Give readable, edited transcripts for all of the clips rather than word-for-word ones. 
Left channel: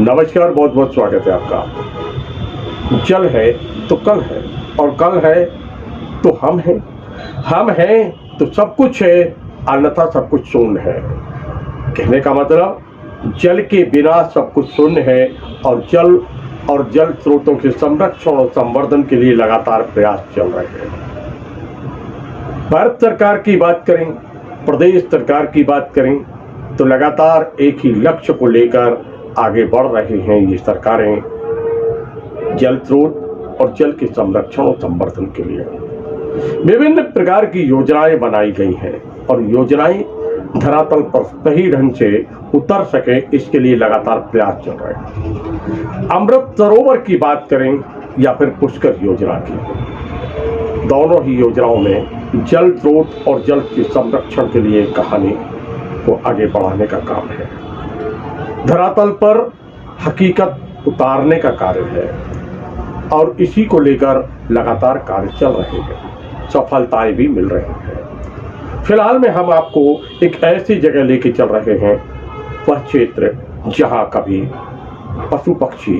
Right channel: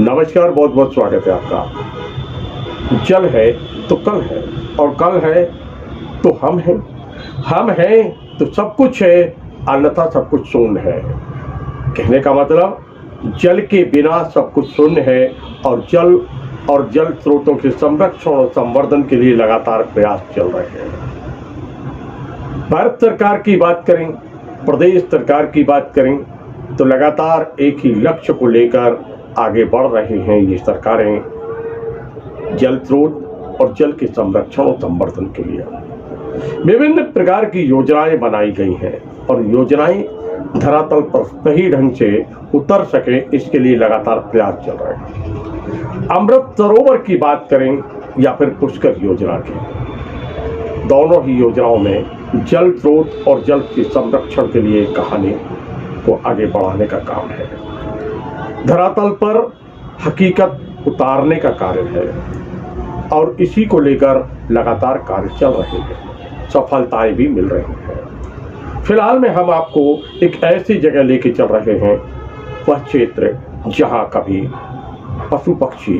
नमस्कार, बहुत बहुत स्वागत है आपका। जल है तो कल है और कल है तो हम हैं तो सब कुछ है, अन्यथा सब कुछ शून्य है। कहने का मतलब जल के बिना सब कुछ शून्य है और जल स्रोतों के संरक्षण और संवर्धन के लिए लगातार प्रयास चल रहे हैं। भारत सरकार की बात करें, प्रदेश सरकार की बात करें तो लगातार एक ही लक्ष्य को लेकर आगे बढ़ रहे हैं ये सरकारें, जल स्रोत और जल के संरक्षण और संवर्धन के लिए विभिन्न प्रकार की योजनाएं बनाई गई हैं और योजनाएं धरातल पर सही ढंग से उतर सके, इसके लिए लगातार प्रयास चल रहे हैं। अमृत सरोवर की बात करें या फिर पुष्कर योजना की, दोनों ही योजनाओं में जल स्रोत और जल के संरक्षण के लिए कहानी को आगे बढ़ाने का काम है, धरातल पर हकीकत उतारने का कार्य है और इसी को लेकर लगातार कार्य चल रहे हैं, सफलताएं भी मिल रही हैं। फिलहाल में हम आपको एक ऐसी जगह लेके चल रहे हैं, वह क्षेत्र जहां कभी पशु पक्षी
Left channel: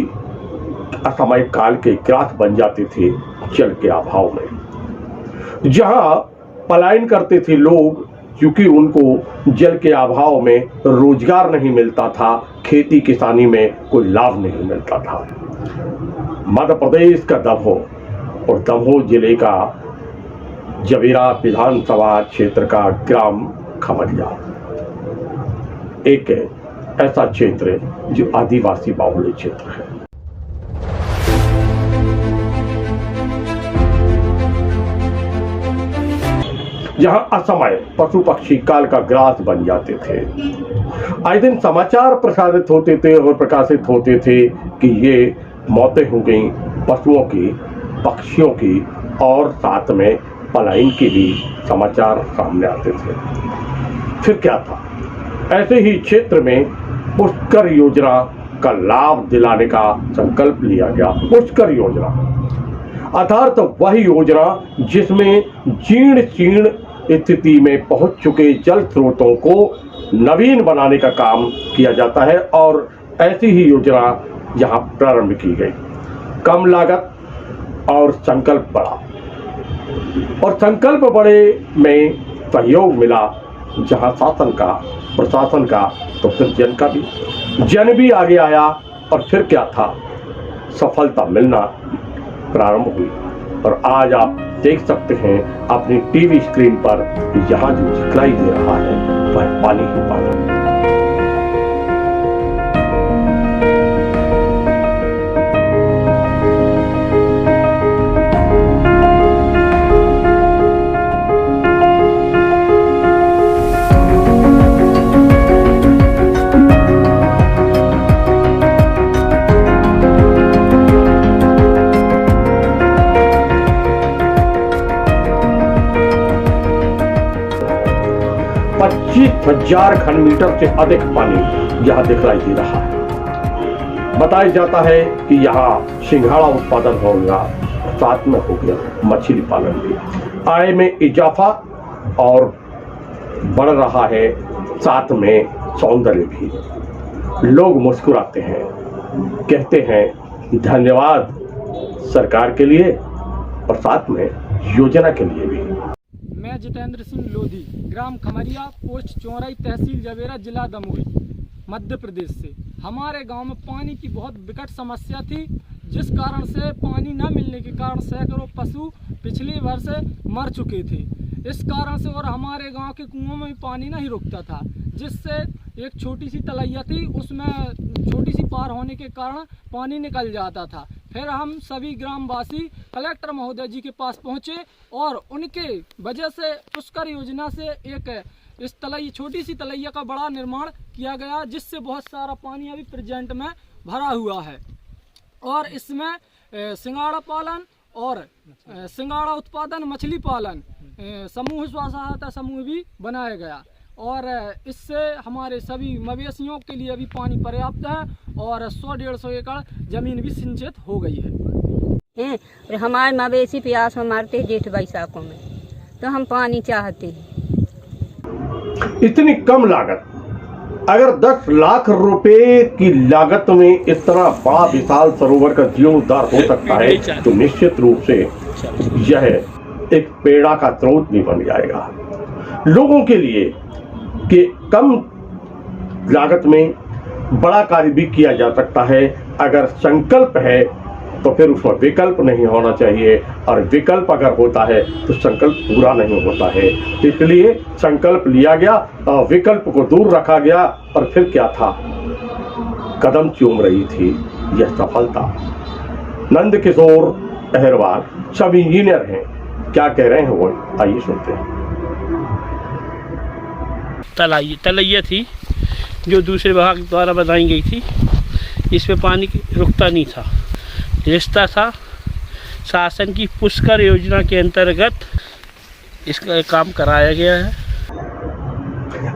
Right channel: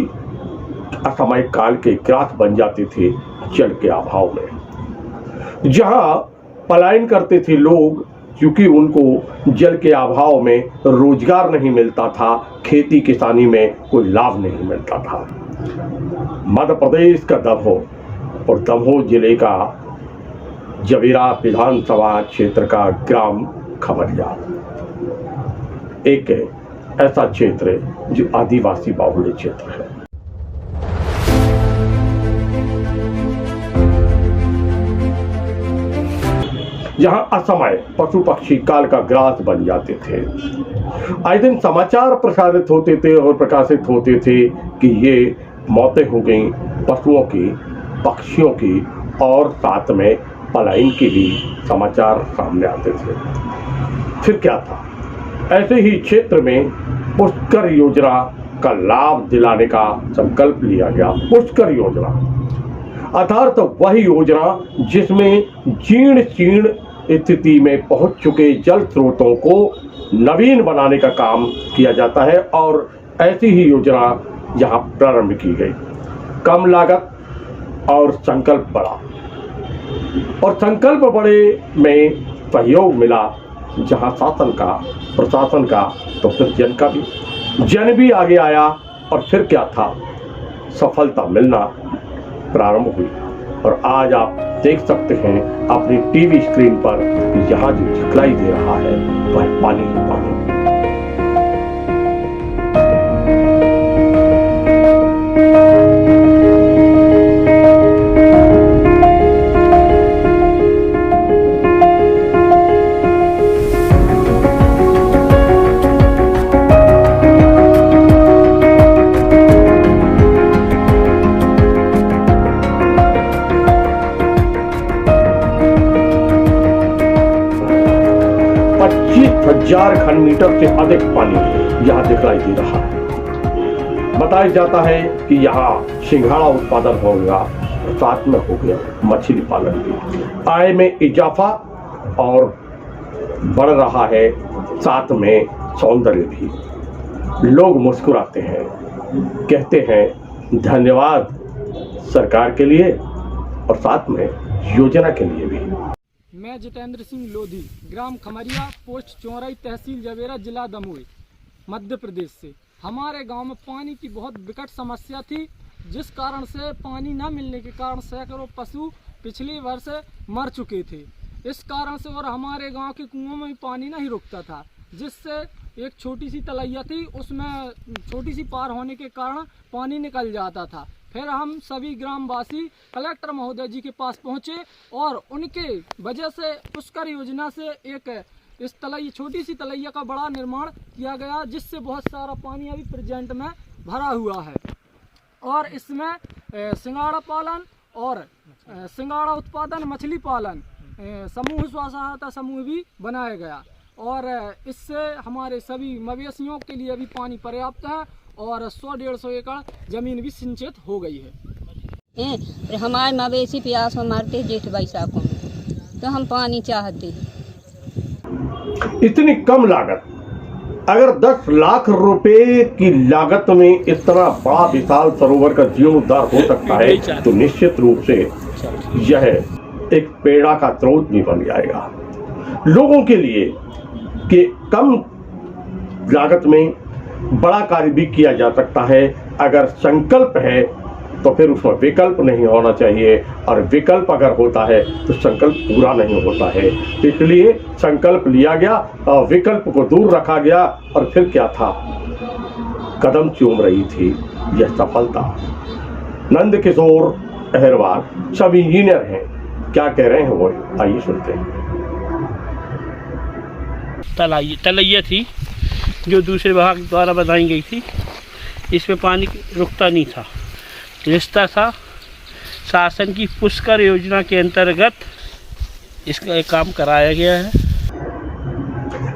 असामयिक काल के ग्रास बन जाते थे जल के अभाव में, जहां पलायन करते थे लोग क्योंकि उनको जल के अभाव में रोजगार नहीं मिलता था, खेती किसानी में कोई लाभ नहीं मिलता था। मध्य प्रदेश का दमोह और दमोह जिले का जवेरा विधानसभा क्षेत्र का ग्राम खमरिया एक ऐसा क्षेत्र है जो आदिवासी बाहुल्य क्षेत्र है। जहां असमय पशु पक्षी काल का ग्रास बन जाते थे। आए दिन समाचार प्रसारित होते थे और प्रकाशित होते थे कि ये मौतें हो गई पशुओं की, पक्षियों की और साथ में पलायन के भी समाचार सामने आते थे। फिर क्या था, ऐसे ही क्षेत्र में पुष्कर योजना का लाभ दिलाने का संकल्प लिया गया। पुष्कर योजना अर्थात वही योजना जिसमें जीर्ण स्थिति में पहुंच चुके जल स्रोतों को नवीन बनाने का काम किया जाता है और ऐसी ही योजना यहाँ प्रारंभ की गई। कम लागत और संकल्प बड़ा, और संकल्प बड़े में सहयोग मिला, जहाँ शासन का, प्रशासन का तो फिर जन भी आगे आया और फिर क्या था, सफलता मिलना प्रारंभ हुई। और आज आप देख सकते हैं अपनी टीवी स्क्रीन पर यहाँ जो दिखलाई दे रहा है वह पानी ही पानी। 25,000 घन मीटर से अधिक पानी यहाँ दिखलाई दे रहा है। बताया जाता है कि यहाँ सिंघाड़ा उत्पादन होगा, साथ में हो गया मछली पालन भी। आय में इजाफा और बढ़ रहा है, साथ में सौंदर्य भी। लोग मुस्कुराते हैं, कहते हैं धन्यवाद सरकार के लिए और साथ में योजना के लिए भी। मैं जितेंद्र सिंह लोधी, ग्राम खमरिया, पोस्ट चौराई, तहसील जवेरा, जिला दमोह, मध्य प्रदेश से। हमारे गांव में पानी की बहुत विकट समस्या थी, जिस कारण से पानी न मिलने के कारण सैकड़ों पशु पिछले वर्ष मर चुके थे। इस कारण से और हमारे गांव के कुओं में भी पानी नहीं रुकता था, जिससे एक छोटी सी तलैया थी, उसमें छोटी सी पार होने के कारण पानी निकल जाता था। फिर हम सभी ग्रामवासी कलेक्टर महोदय जी के पास पहुंचे और उनके वजह से पुष्कर योजना से एक इस छोटी सी तलैया का बड़ा निर्माण किया गया, जिससे बहुत सारा पानी अभी प्रेजेंट में भरा हुआ है। और इसमें सिंघाड़ा पालन और सिंघाड़ा उत्पादन, मछली पालन, समूह सहायता समूह भी बनाया गया और इससे हमारे सभी मवेशियों के लिए भी पानी पर्याप्त है और 100-150 एकड़ जमीन भी सिंचित हो गई है। हमारे मवेशी प्यास में मरते जेठ बैसाखों में, तो हम पानी चाहते। इतनी कम लागत अगर 10 लाख रुपए की लागत में इतना बड़ा विशाल सरोवर का जीर्णोद्धार हो सकता है तो निश्चित रूप से यह एक प्रेरणा का स्रोत भी बन जाएगा लोगों के लिए कि कम लागत में बड़ा कार्य भी किया जा सकता है। अगर संकल्प है तो फिर उसमें विकल्प नहीं होना चाहिए, और विकल्प अगर होता है तो संकल्प पूरा नहीं होता है। इसलिए संकल्प लिया गया और विकल्प को दूर रखा गया, और फिर क्या था, कदम चूम रही थी यह सफलता। नंद किशोर अहरवाल सब इंजीनियर हैं, क्या कह रहे हैं वो आइए सुनते हैं। तलैया थी जो दूसरे विभाग द्वारा बनाई गई थी, इसमें पानी रुकता नहीं था, रिश्ता था। शासन की पुष्कर योजना के अंतर्गत इसका काम कराया गया है।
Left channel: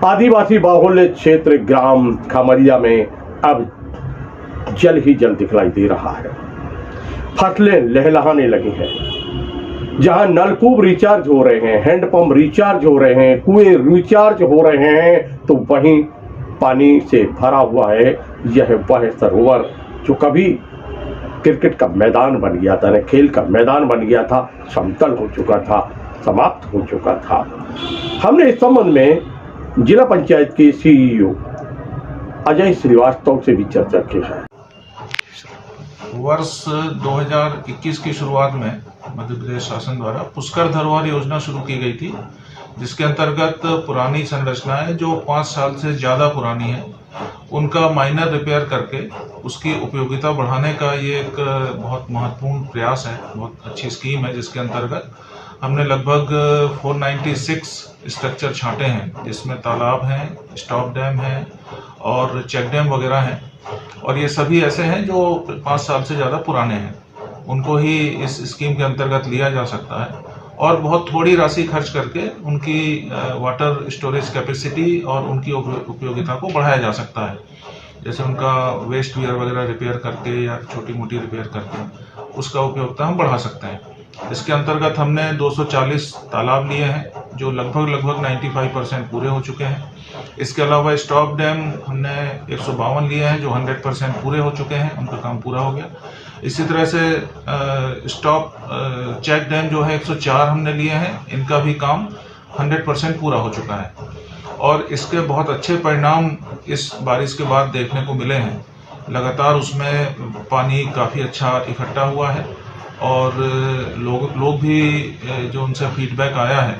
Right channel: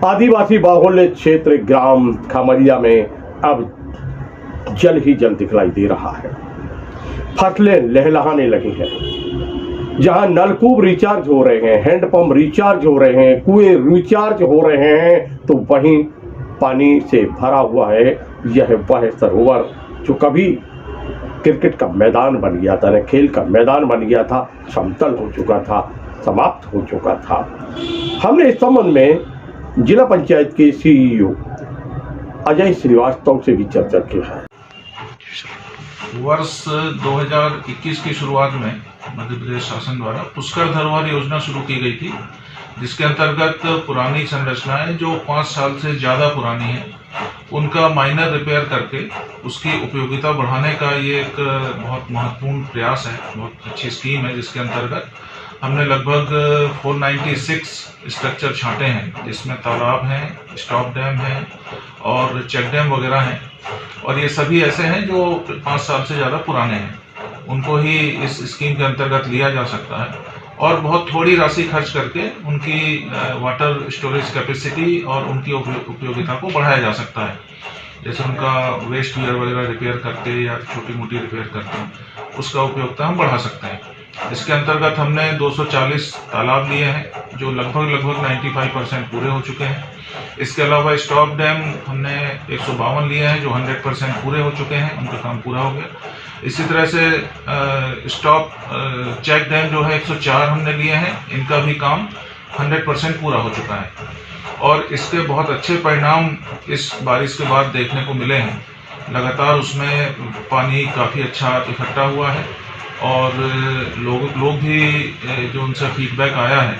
आदिवासी बाहुल्य क्षेत्र ग्राम खमरिया में अब जल ही जल दिखलाई दे रहा है। फसलें लहलहाने लगी हैं। जहां नलकूप रिचार्ज हो रहे हैं, हैंडपंप रिचार्ज हो रहे हैं, कुएं रिचार्ज हो रहे हैं, तो वहीं पानी से भरा हुआ है यह वह सरोवर जो कभी क्रिकेट का मैदान बन गया था, खेल का मैदान बन गया था, समतल हो चुका था, समाप्त हो चुका था। हमने इस संबंध में जिला पंचायत के सीईओ अजय श्रीवास्तव से भी चर्चा की है। वर्ष 2021 की शुरुआत में मध्य प्रदेश शासन द्वारा पुष्कर धरोहर योजना शुरू की गई थी, जिसके अंतर्गत पुरानी संरचनाएं जो 5 साल से ज़्यादा पुरानी हैं उनका माइनर रिपेयर करके उसकी उपयोगिता बढ़ाने का ये एक बहुत महत्वपूर्ण प्रयास है, बहुत अच्छी स्कीम है, जिसके अंतर्गत हमने लगभग 496 स्ट्रक्चर छांटे हैं, जिसमें तालाब हैं, स्टॉप डैम हैं और चेक डैम वगैरह हैं, और ये सभी ऐसे हैं जो 5 साल से ज़्यादा पुराने हैं, उनको ही इस स्कीम के अंतर्गत लिया जा सकता है और बहुत थोड़ी राशि खर्च करके उनकी वाटर स्टोरेज कैपेसिटी और उनकी उपयोगिता को बढ़ाया जा सकता है। जैसे उनका वेस्ट वियर वगैरह रिपेयर करके या छोटी मोटी रिपेयर करके उसका उपयोगिता हम बढ़ा सकते हैं। इसके अंतर्गत हमने 240 तालाब लिए हैं जो लगभग 95% पूरे हो चुके हैं। इसके अलावा स्टॉप डैम हमने 152 लिए हैं जो 100% पूरे हो चुके हैं, उनका काम पूरा हो गया। इसी तरह से चेक डैम जो है 104 हमने लिए हैं, इनका भी काम 100% पूरा हो चुका है और इसके बहुत अच्छे परिणाम इस बारिश के बाद देखने को मिले हैं। लगातार उसमें पानी काफ़ी अच्छा इकट्ठा हुआ है और लोग भी जो उनसे फीडबैक आया है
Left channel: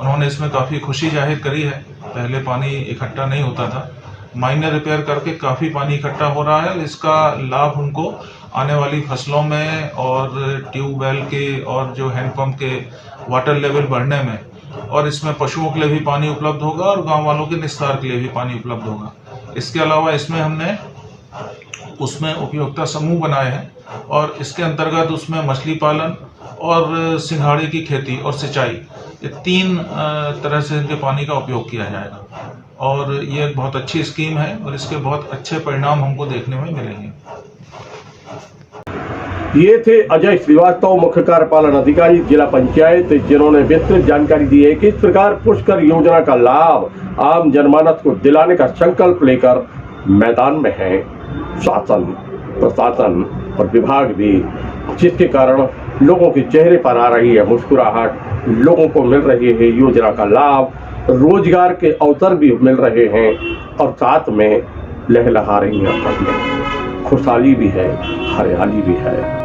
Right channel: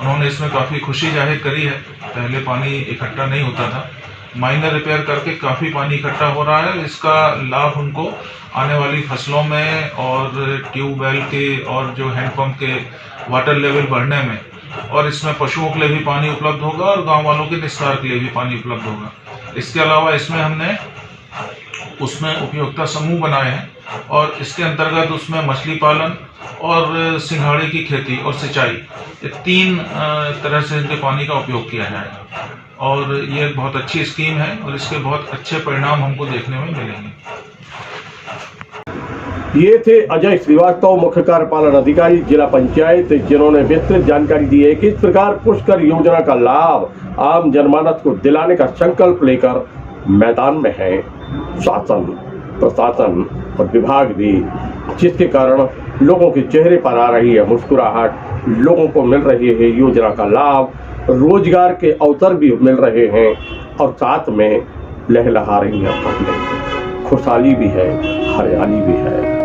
उन्होंने इसमें काफ़ी खुशी जाहिर करी है। पहले पानी इकट्ठा नहीं होता था, माइनर रिपेयर करके काफ़ी पानी इकट्ठा हो रहा है। इसका लाभ उनको आने वाली फसलों में और ट्यूबवेल के और जो हैंडपंप के वाटर लेवल बढ़ने में, और इसमें पशुओं के लिए भी पानी उपलब्ध होगा और गांव वालों के निस्तार के लिए भी पानी उपलब्ध होगा। इसके अलावा इसमें हमने उसमें उपयोगिता समूह बनाए हैं और इसके अंतर्गत उसमें मछली पालन और सिंघाड़े की खेती और सिंचाई, ये 3 तरह से इनके पानी का उपयोग किया जाएगा और ये एक बहुत अच्छी स्कीम है और इसके बहुत अच्छे परिणाम हमको देखने में मिलेंगे। ये थे अजय श्रीवास्तव, मुख्य कार्यपालन अधिकारी जिला पंचायत, जिन्होंने विस्तृत जानकारी दी है कि इस प्रकार पुष्कर योजना का लाभ आम जनमानस को दिलाने का संकल्प लेकर मैदान में है शासन, प्रशासन और विभाग भी, जिसके कारण लोगों के चेहरे पर आ रही है मुस्कुराहट, लोगों को मिल रही है योजना का लाभ, रोजगार के अवसर भी मिल रहे हैं और साथ में लहलहा रही हैं फसलें, खुशहाली भी है, हरियाली भी है।